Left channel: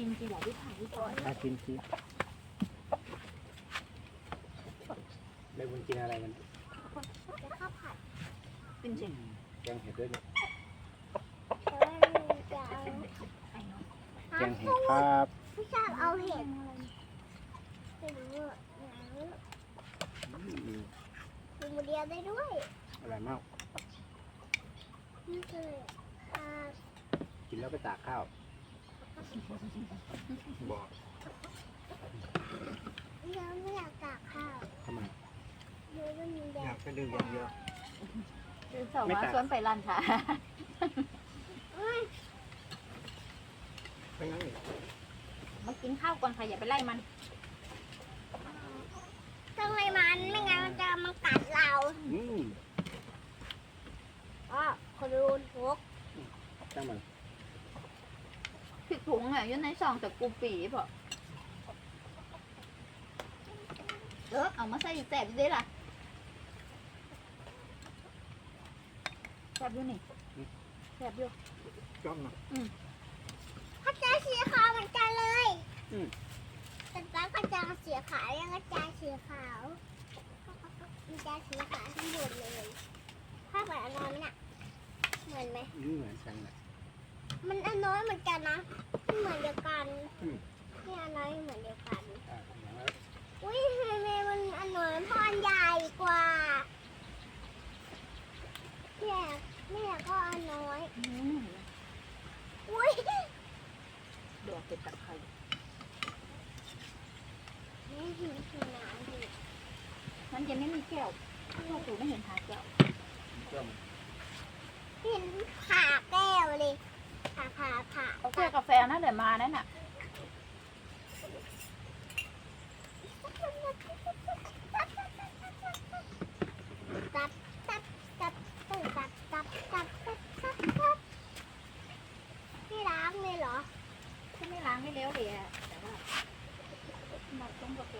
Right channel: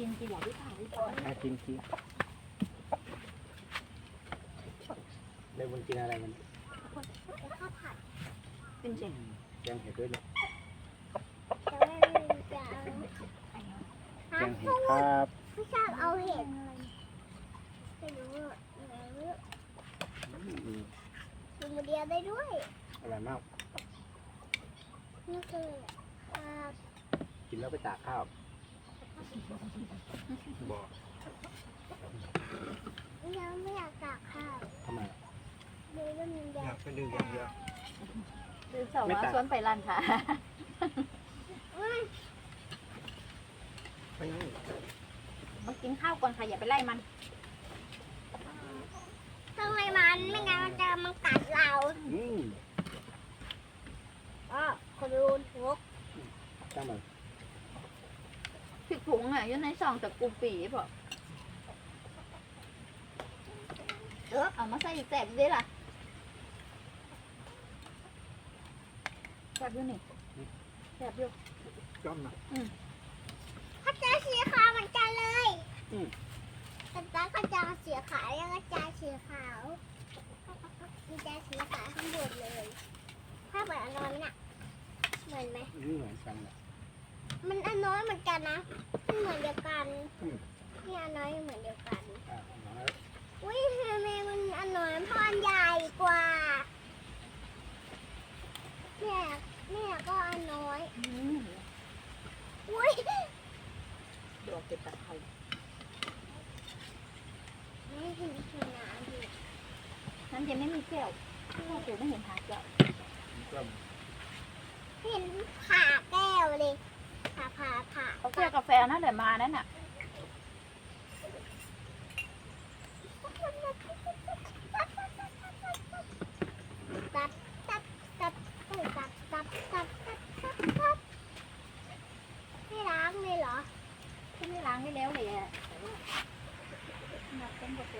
กินกินเหรอพี่ถ่ายพี่จอยมากินกินเลยมันกินอะไรกันแล้วข้าวผัดเป็นสิแกงเห็ดด้วยนะแต่ว่ามันจะเอาไอ้เนาะแกงเห็ดครับไม่ชอบเอาเห็ดไม่รู้อะไม่รู้อืมดูโมเดียได้ด้วยอร่อยมากนี่คืออ่ากินแล้วไปตากข้าว บอกยังไม่อยากตากข้าวทำไมดูว่ามันแดอยางกไปดื่มอย่างเดียวคือสองว่าสวนไปร้านค่ะ ไปยังอีกมากินข้าวก่อนค่ะอย่าไปไล่มัน ต้องให้มันไม่งั้นมันจะมันกัดเรา อืม อ๋อคนดูหก จังมัน ผิดถุง อะอยู่ในซองแต่กูปีเปล่าเออเอามาใส่อีกแตกดิล่ะแซ่บอยู่นี่แซ่บอยู่จ้อมนะ เขาจะสีขาวเหมือนกันเลยแต่ตาก็จะสีขาวยังก็จะสีขาวมีจะสีขาวทั้งหมดเลยถ้าเหมือนอันน้อยไหมน่ะเหมือนไหมนี่เหมือนกันแหละ มันอันน้อยเหมือนกันนะมันเหมือนเดียวกันอืม นี่อันน้อยเหมือนเดียวกัน อะมาแล้วอุ้ยทำไมมันอันน้อยเพราะอันใหญ่กว่าแม่แม่ก็อันน้อย อืมอุ้ยดอกเก็บตะไคร้แม่หิวหิวน้ำดิ นั้นยังไม่มีแก้วพ่อถูไม่เห็นหาแก้ว จ้อม เห็นผ่าแก้วเลยผ่าผ่าผ่า เอาแก้วกาแฟนะเดี๋ยวมานั่นน่ะตับตับตับตับตับตับตับตับตับตับพี่ล้างเลยเหรอฉันไม่ล้างให้แล้วเลยอะแต่ว่านัดต้มกาแฟ